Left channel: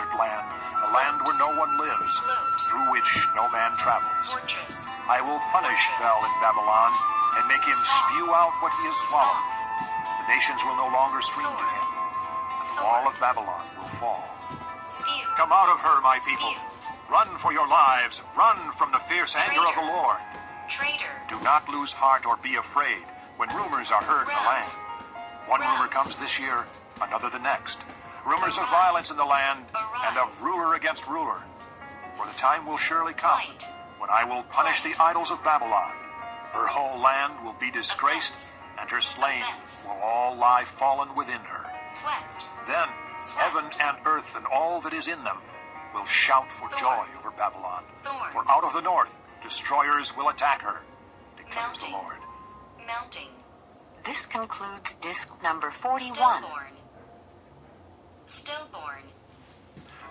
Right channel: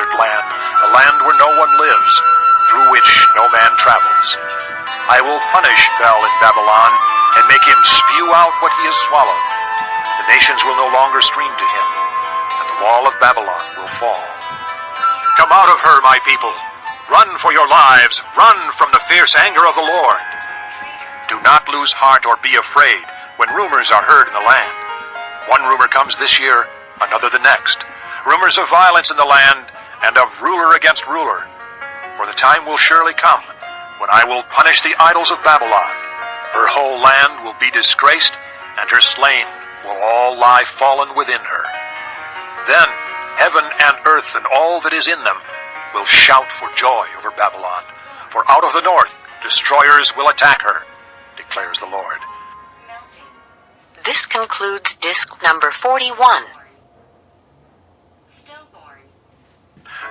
desert land, a land where no one lives, through which no man travels. I will punish Bel in Babylon, and make him spew out what he has swallowed. The nations will no longer stream to him, and the wall of Babylon will fall. Come out of her, my people. Run for your lives. Run from the fierce anger of the Lord. Do not lose heart or be afraid when rumors are heard in the land. One rumor comes this year, another the next. Rumors of violence in the land, and of ruler against ruler. For the time will surely come when I will punish the idols of Babylon. Her whole land will be disgraced, and her slain will all lie fallen within her. Then heaven and earth and all that is in them will shout for joy over Babylon. For out of the north destroyers will attack her, declares the Lord. This concludes disc number 41. Stillborn.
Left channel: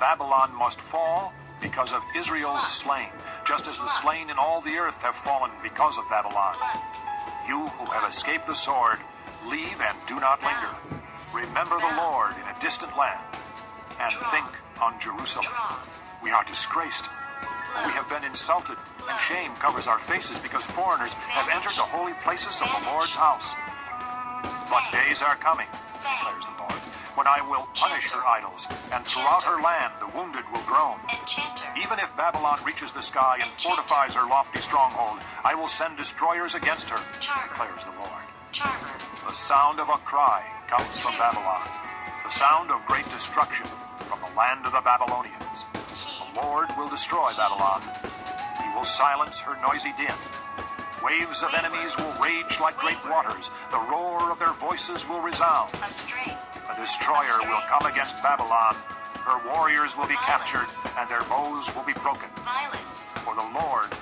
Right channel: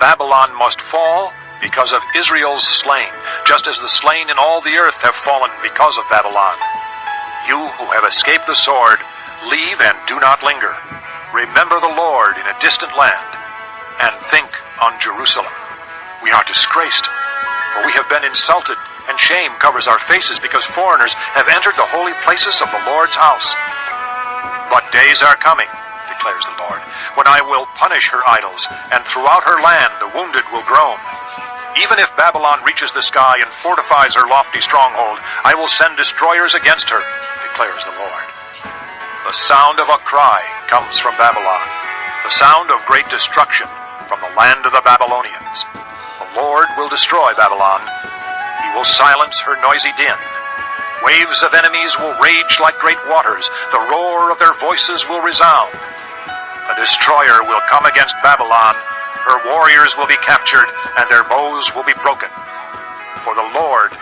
Babylon must fall because of Israel's slain, just as the slain in all the earth have fallen because of Babylon. You who have escaped the sword, leave and do not linger. Remember the Lord in a distant land, and think on Jerusalem. We are disgraced, for we have been insulted, and shame covers our faces because foreigners have entered the holy places of the Lord's house. But days are coming, declares the Lord, when I will punish her idols, and throughout her land the wounded will groan. Even if Babylon reaches the sky and fortifies her lofty stronghold, I will send destroyers against her, declares the Lord. The sound of a cry comes from Babylon, the sound of great destruction from the land of the Babylonians. The Lord will destroy Babylon. He will silence her noisy din. Waves of enemies will rage like great waters. The roar of their voices will resound. A destroyer will come against Babylon. Her warriors will be captured, and their bows will be broken. For the Lord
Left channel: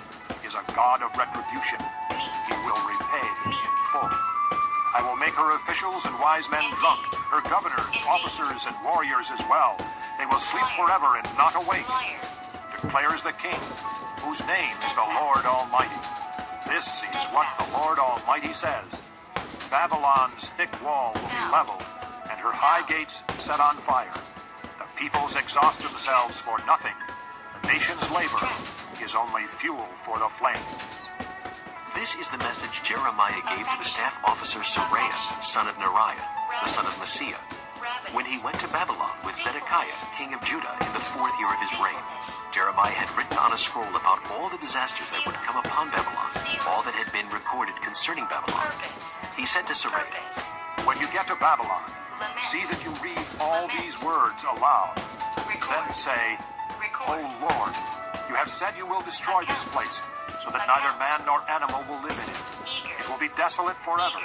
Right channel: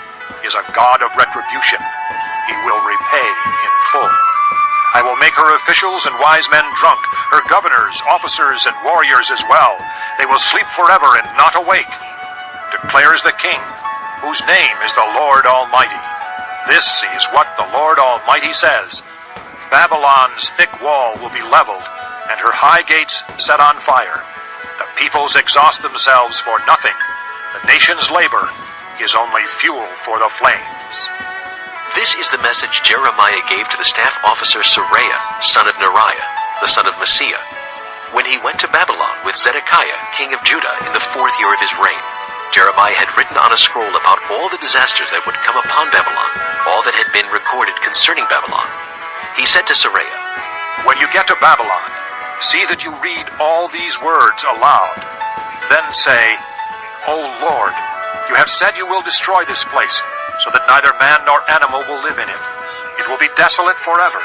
is a God of retribution. He will repay in full. I will make her officials and wise men drunk, her governors, officers, and warriors as well. They will sleep forever and not awake, declares the King, whose name is the Lord Almighty. This is what the Lord Almighty says. Babylon's thick wall will be leveled, and her high gates set on fire. The peoples exhaust themselves for nothing. The nation's labor is only fuel for the flames. This is the message Jeremiah gave to the staff officer Seraiah, son of Neriah, the son of Maaseiah, when he went to Babylon with Zedekiah, king of Judah, in the 4th year of his reign. Jeremiah had written on a scroll about all the disasters that would come upon Babylon, all that had been recorded concerning Babylon. He said to Seraiah, When you get to Babylon, see that you read all these words aloud. Then say, O Lord, you have said you will destroy this place, so that neither man nor animal will live in it. It will be desolate forever.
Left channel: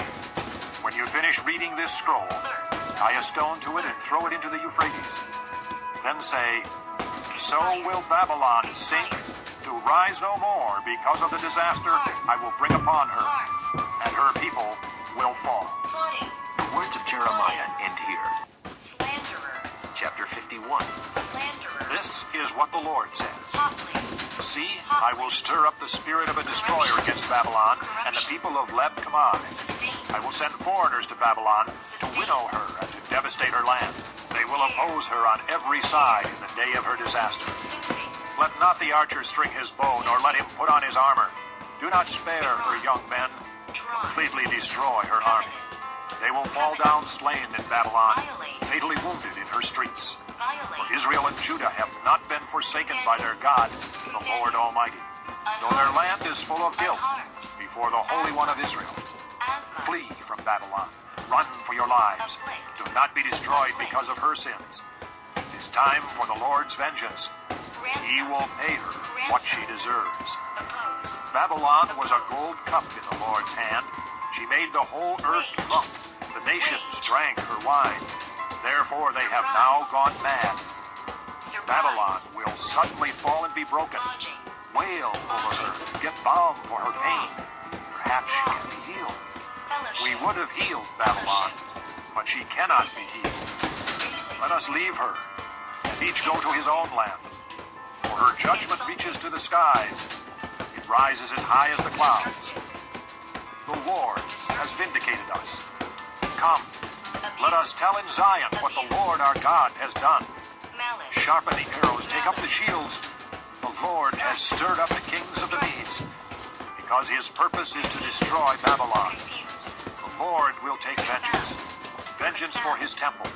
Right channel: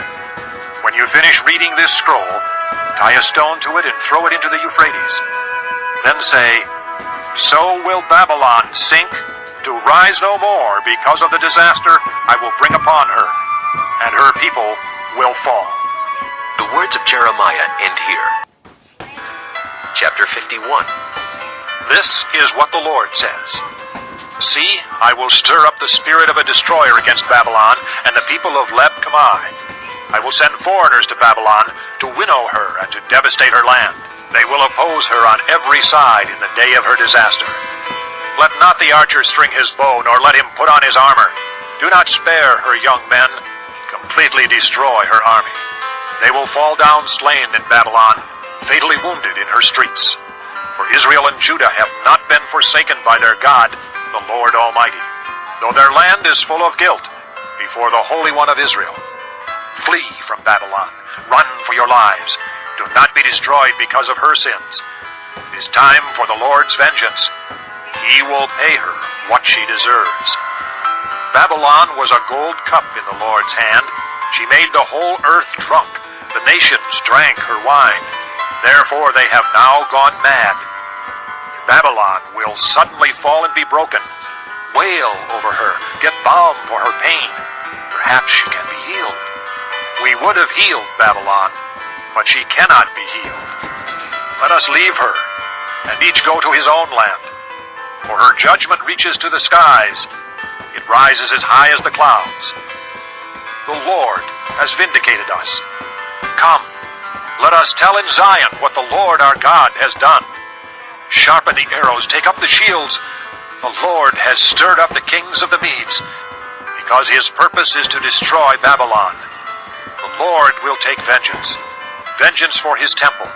When you finish reading this scroll, tie a stone to it and throw it into the Euphrates. Then say, So will Babylon sink, to rise no more because of the disaster I will bring upon her, and her people will fall. The words of Jeremiah end here. Chapter 51. This is what the Lord says. See, I will stir up the spirit of a destroyer against Babylon and the people of Leb Kamai. I will send foreigners to Babylon to winnow her and to devastate her land. They will oppose her on every side in the day of her disaster. Let not the archer string his bow, nor let him put on his armor. Do not spare her young men. Completely destroy her army. They will fall down slain in Babylon, fatally wounded in her streets. For Israel and Judah have not been forsaken by their God, the Lord Almighty, though their land is full of guilt before the Holy One of Israel. Flee from Babylon. Run for your lives. Do not be destroyed because of her sins. It is time for the Lord's vengeance. He will pay her what she deserves. Babylon was a gold cup in the Lord's hand. She made the whole earth drunk. The nations drank her wine. Therefore they have now gone mad. Babylon will suddenly fall and be broken. Wail over her. Get balm for her pain. Perhaps she can be healed. We would have healed Babylon, but she cannot be healed. Let us leave her, and each go to his own land. For her judgment reaches to the skies. It rises as high as the clouds. The Lord has vindicated us. Come, let us tell in Zion what the Lord our God has done. Sharpen the arrows, take up the shields. The Lord has stirred up the kings of the Medes, because his purpose is to destroy Babylon. The Lord will take vengeance, vengeance for his temple.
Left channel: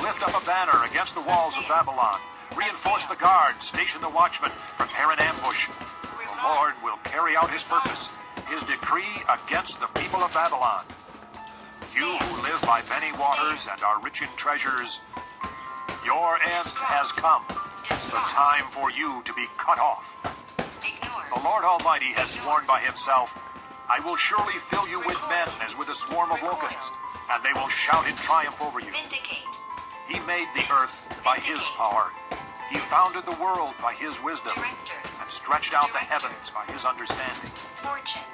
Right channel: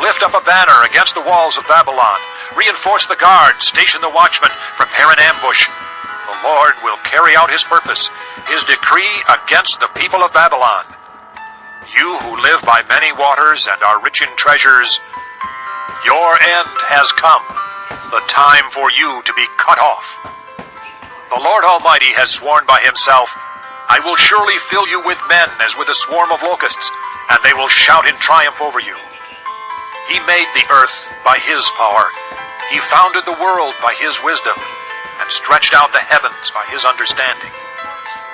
Lift up a banner against the walls of Babylon. Reinforce the guards, station the watchmen, prepare an ambush. The Lord will carry out his purpose, his decree against the people of Babylon. You who live by many waters and are rich in treasures, your end has come, the time for you to be cut off. The Lord Almighty has sworn by himself, I will surely fill you with men as with a swarm of locusts, and they will shout in triumph over you. He made the earth by his power. He founded the world by his wisdom, and stretched out the heavens by his understanding.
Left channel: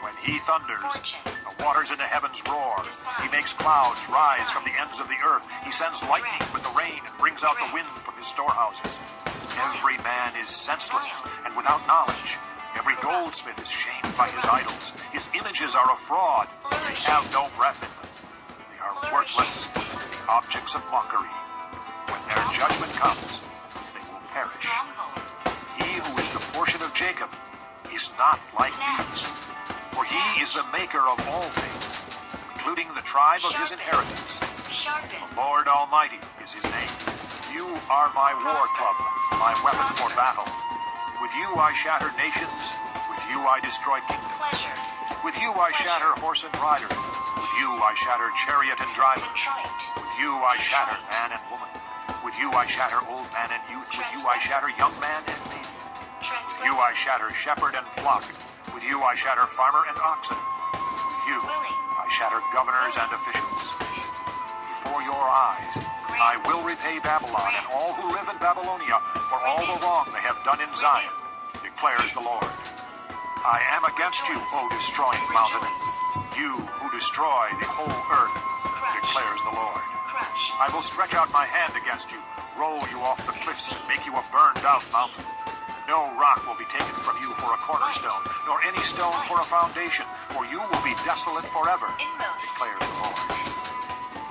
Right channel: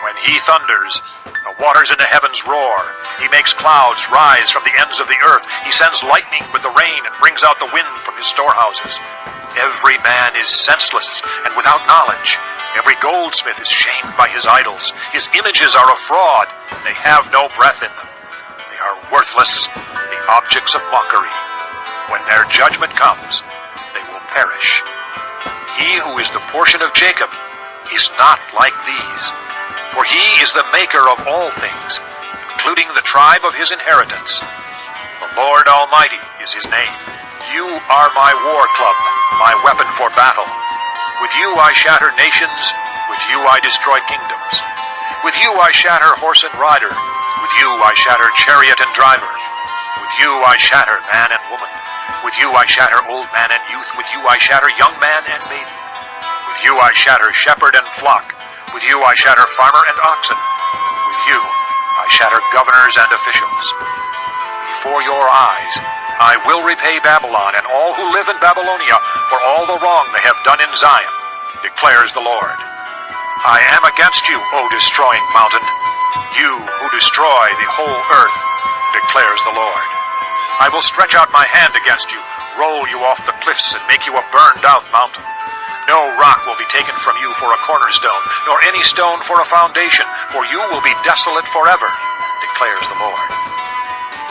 When he thunders, the waters in the heavens roar. He makes clouds rise from the ends of the earth. He sends lightning with the rain and brings out the wind from his storehouses. Every man is senseless and without knowledge. Every goldsmith is shamed by his idols. His images are a fraud. They have no breath in them. They are worthless, the objects of mockery. When their judgment comes, they will perish. He who is the portion of Jacob is not like these, for he is the maker of all things, including the tribe of his inheritance. The Lord Almighty is his name. You are my war club, my weapon for battle. With you I shatter nations, with you I destroy kingdoms. With you I shatter horse and rider, with you I shatter chariot and driver. With you I shatter man and woman. With you I shatter old man and youth. With you I shatter young man and maiden. With you I shatter shepherd and flock. With you I shatter farmer and oxen. With you I shatter governors and officials. Before your eyes I will repay Babylon and all who live in Babylonia for all the wrong they have done in Zion, declares the Lord. I am against you, O destroying mountain, you who destroy the whole earth, declares the Lord. I will stretch out my hand against you, roll you off the cliffs, and make you a burned-out mountain. No rock will be taken from you for a cornerstone, nor any stone for a foundation, for you will be desolate forever, declares the Lord.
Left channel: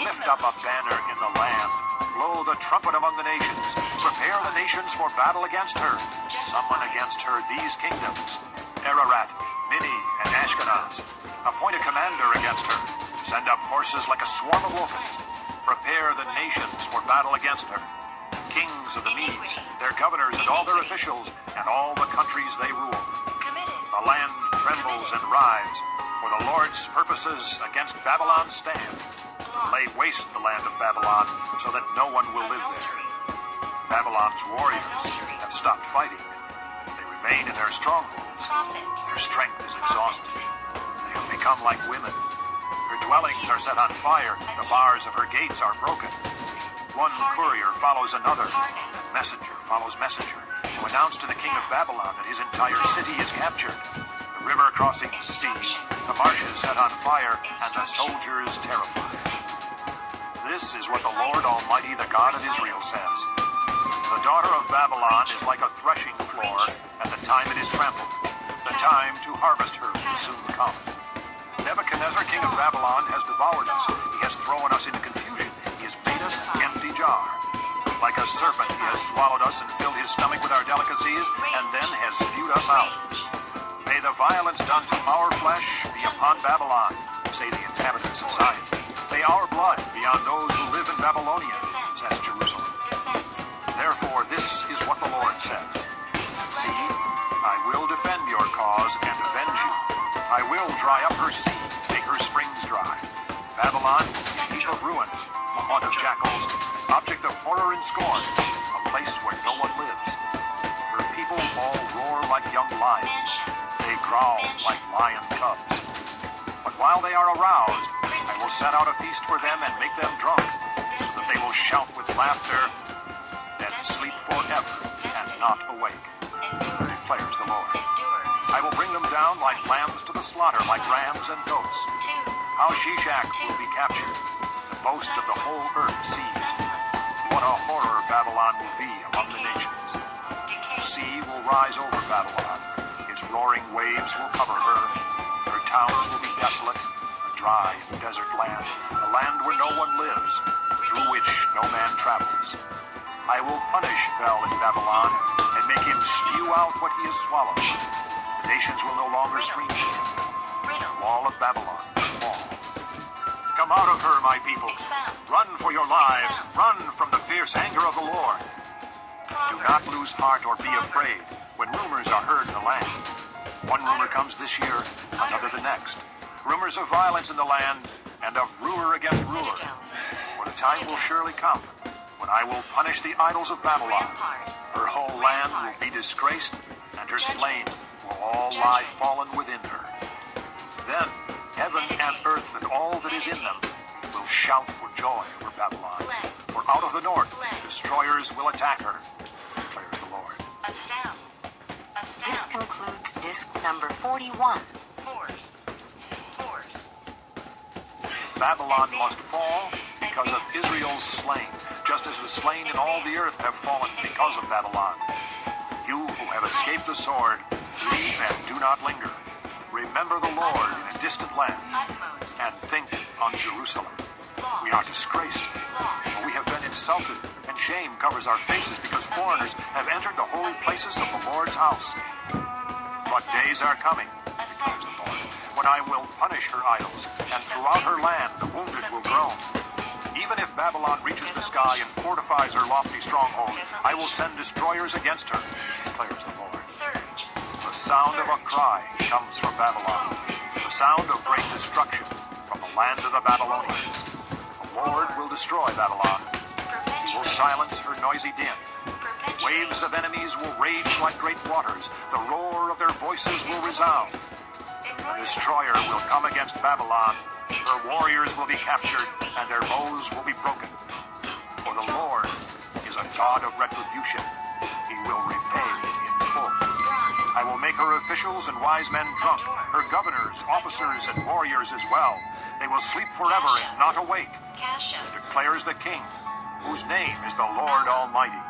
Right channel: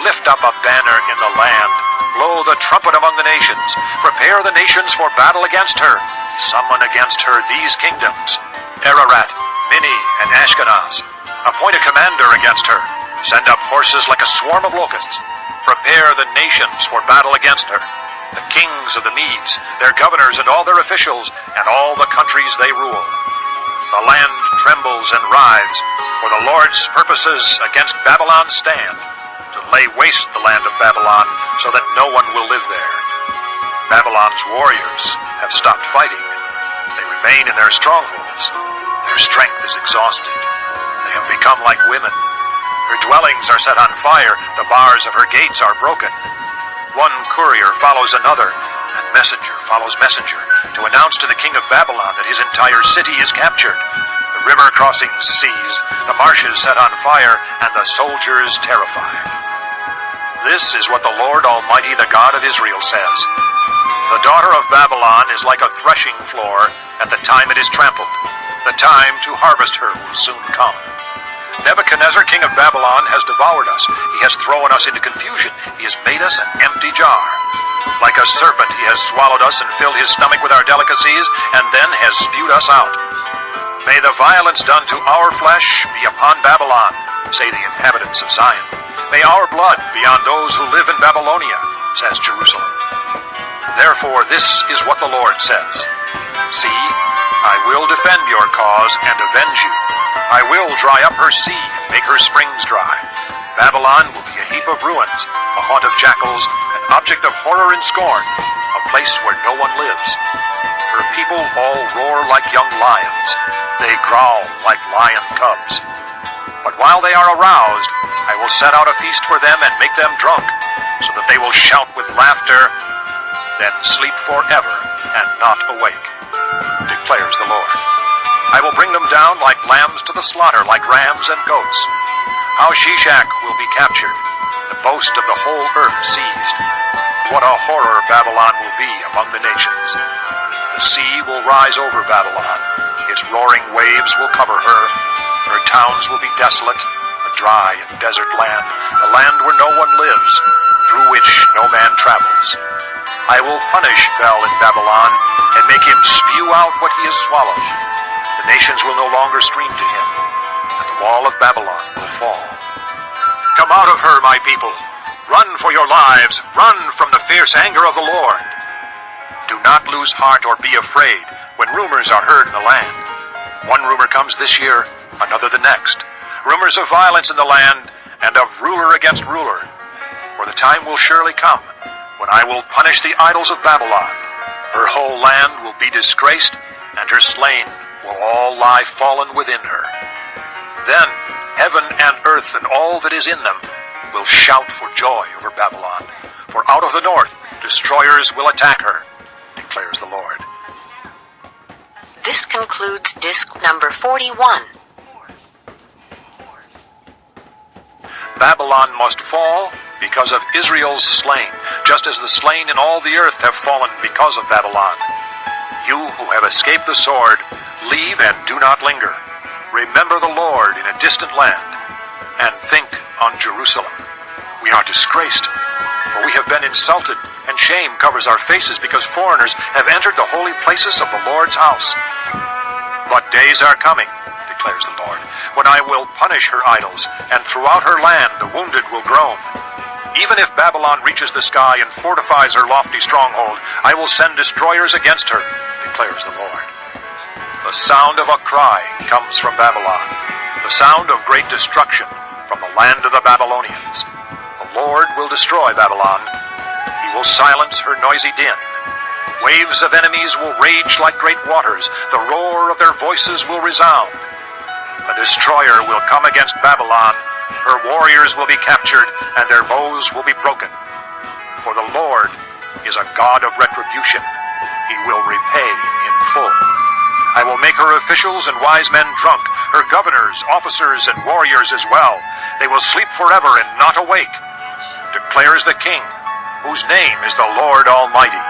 Lift up a banner in the land, blow the trumpet among the nations, prepare the nations for battle against her, summon against her these kingdoms, Ararat, Minni, and Ashkenaz. Appoint a commander against her, send up horses like a swarm of locusts. Prepare the nations for battle against her, the kings of the Medes, their governors and all their officials, and all the countries they rule. The land trembles and writhes, for the Lord's purposes against Babylon stand, to lay waste the land of Babylon, so that no one will live there. Babylon's warriors have stopped fighting. They remain in their strongholds. Their strength is exhausted. They have become like women. Her dwellings are set on fire, the bars of her gates are broken. One courier follows another, and messenger follows messenger, to announce to the king of Babylon that his entire city is captured. The river crossings seized, the marshes set on fire, and the soldiers terrified. This is what the Lord Almighty, the God of Israel, says. The daughter of Babylon is like a threshing floor at the time it is trampled. The time to harvest her will soon come. Nebuchadnezzar, king of Babylon, has devoured us. He has thrown us into confusion. He has made us an empty jar. Like a serpent, he has swallowed us and filled his stomach with our delicacies, and then has spewed us out. May the violence done to our flesh be upon Babylon, say the inhabitants of Zion. May our blood be on those who live in Babylonia, says Jerusalem. Therefore, this is what the Lord says. See, I will defend your cause and avenge you. I will dry up her sea and make her springs dry. Babylon will be a heap of ruins, a haunt of jackals, an object of horror and scorn, a place where no one lives. Her people all roar like young lions. They growl like lion cubs. But while they are aroused, I will set out a feast for them and make them drunk, so that they will shout with laughter, then sleep forever and not awake, declares the Lord. I will bring them down like lambs to the slaughter, like rams and goats. How Shishak will be captured, the boast of the whole earth seized. What a horror Babylon will be among the nations. The sea will rise over Babylon. Its roaring waves will cover her. Her towns will be desolate, a dry and desert land, a land where no one lives, through which no man travels. I will punish Bel in Babylon and make him spew out what he has swallowed. The nations will no longer stream to him, and the wall of Babylon will fall. Come out of her, my people. Run for your lives. Run from the fierce anger of the Lord. Do not lose heart or be afraid when rumors are heard in the land. One rumor comes this year, another the next. Rumors of violence in the land and of ruler against ruler. For the time will surely come when I will punish the idols of Babylon. Her whole land will be disgraced, and her slain will all lie fallen within her. Then heaven and earth and all that is in them will shout for joy over Babylon. For out of the north destroyers will attack her, declares the Lord. This concludes disc number 41. Babylon must fall because of Israel's slain, just as the slain in all the earth have fallen because of Babylon. You who have escaped the sword, leave and do not linger. Remember the Lord in a distant land, and think on Jerusalem. We are disgraced, for we have been insulted, and shame covers our faces because foreigners have entered the holy places of the Lord's house. But days are coming, declares the Lord, when I will punish her idols, and throughout her land the wounded will groan. Even if Babylon reaches the sky and fortifies her lofty stronghold, I will send destroyers against her, declares the Lord. The sound of a cry comes from Babylon, the sound of great destruction from the land of the Babylonians. The Lord will destroy Babylon. He will silence her noisy din. Waves of enemies will rage like great waters. The roar of their voices will resound. The destroyer will come against Babylon. Her warriors will be captured, and their bows will be broken. For the Lord is a God of retribution. He will repay in full. I will make her officials and wise men drunk, her governors, officers, and warriors as well. They will sleep forever and not awake, declares the King, whose name is the Lord Almighty.